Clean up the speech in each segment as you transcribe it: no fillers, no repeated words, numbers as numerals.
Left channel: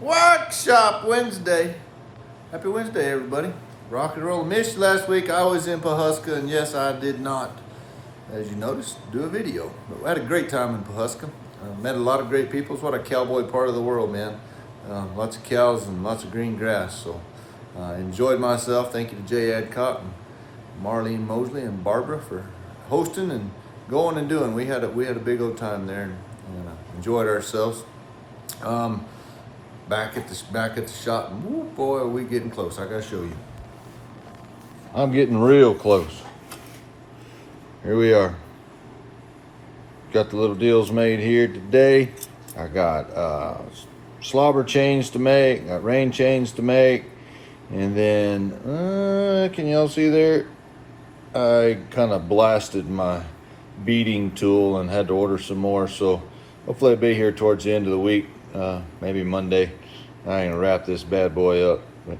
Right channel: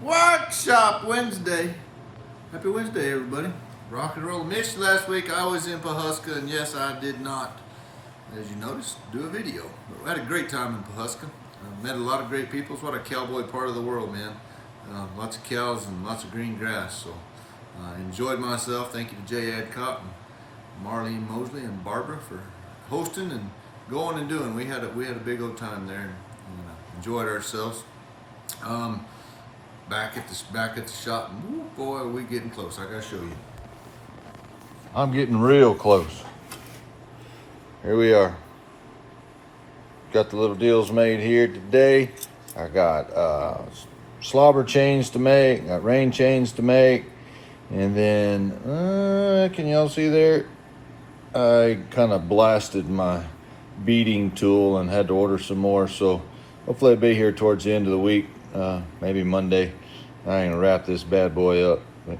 Workshop Wednesday. Happy Wednesday, everybody. Rock and roll. Missed you last week. I was in Pawhuska, and yes, I did not, as you noticed, do a video. But I had a great time in Pawhuska. Met a lot of great people. It's what a cowboy part of the world, man. Lots of cows and lots of green grass. So enjoyed myself. Thank you to Jay Adcock and Marlene Mosley and Barbara for hosting and going and doing. We had a big old time there and enjoyed ourselves. Back at the shop, and oh boy, are we getting close. I gotta show you. I'm getting real close. Here we are. Got the little deals made here today. I got slobber chains to make, got rein chains to make, and then can y'all see there? I kind of blasted my beading tool and had to order some more, so hopefully I'll be here towards the end of the week, maybe Monday. I ain't gonna wrap this bad boy up, but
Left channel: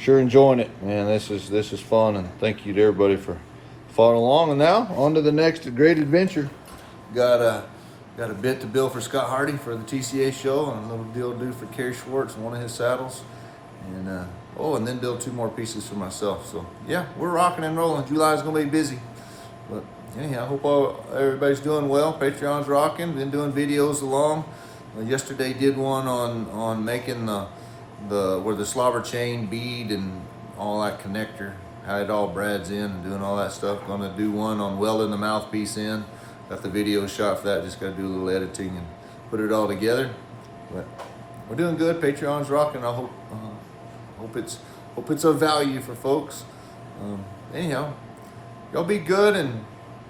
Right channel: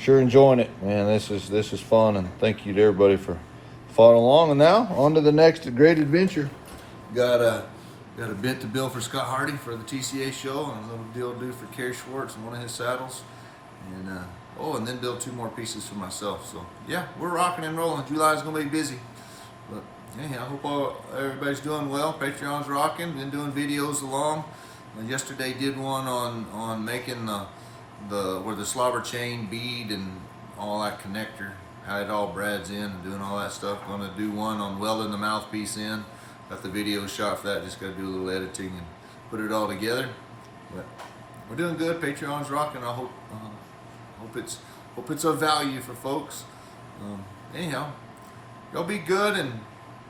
sure enjoying it, man. This is fun, and thank you to everybody for following along. And now on to the next great adventure. Got a bit to build for Scott Hardy for the TCA show, and a little deal to do for Kerry Schwartz and one of his saddles, and and then build 2 more pieces for myself. So yeah, we're rocking and rolling. July's gonna be busy, but anyhow, I hope everybody's doing well. Patreon's rocking. Been doing videos along. Yesterday did one on making where the slobber chain bead and all that connector, how it all brads in and doing all that stuff. Gonna do one on welding the mouthpiece in. Got the video shot for that. Just gotta do a little editing and put it all together. But we're doing good. Patreon's rocking. I hope it's of value for folks. Anyhow, y'all be good and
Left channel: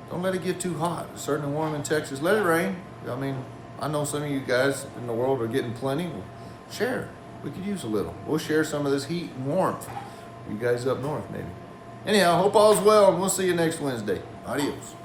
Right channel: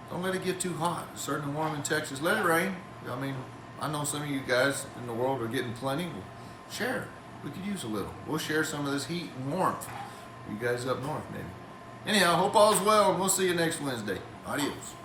don't let it get too hot. It's certainly warm in Texas. Let it rain. I mean, I know some of you guys in the world are getting plenty. Well, share. We could use a little. We'll share some of this heat and warmth. You guys up north, maybe. Anyhow, hope all's well, and we'll see you next Wednesday. Adios.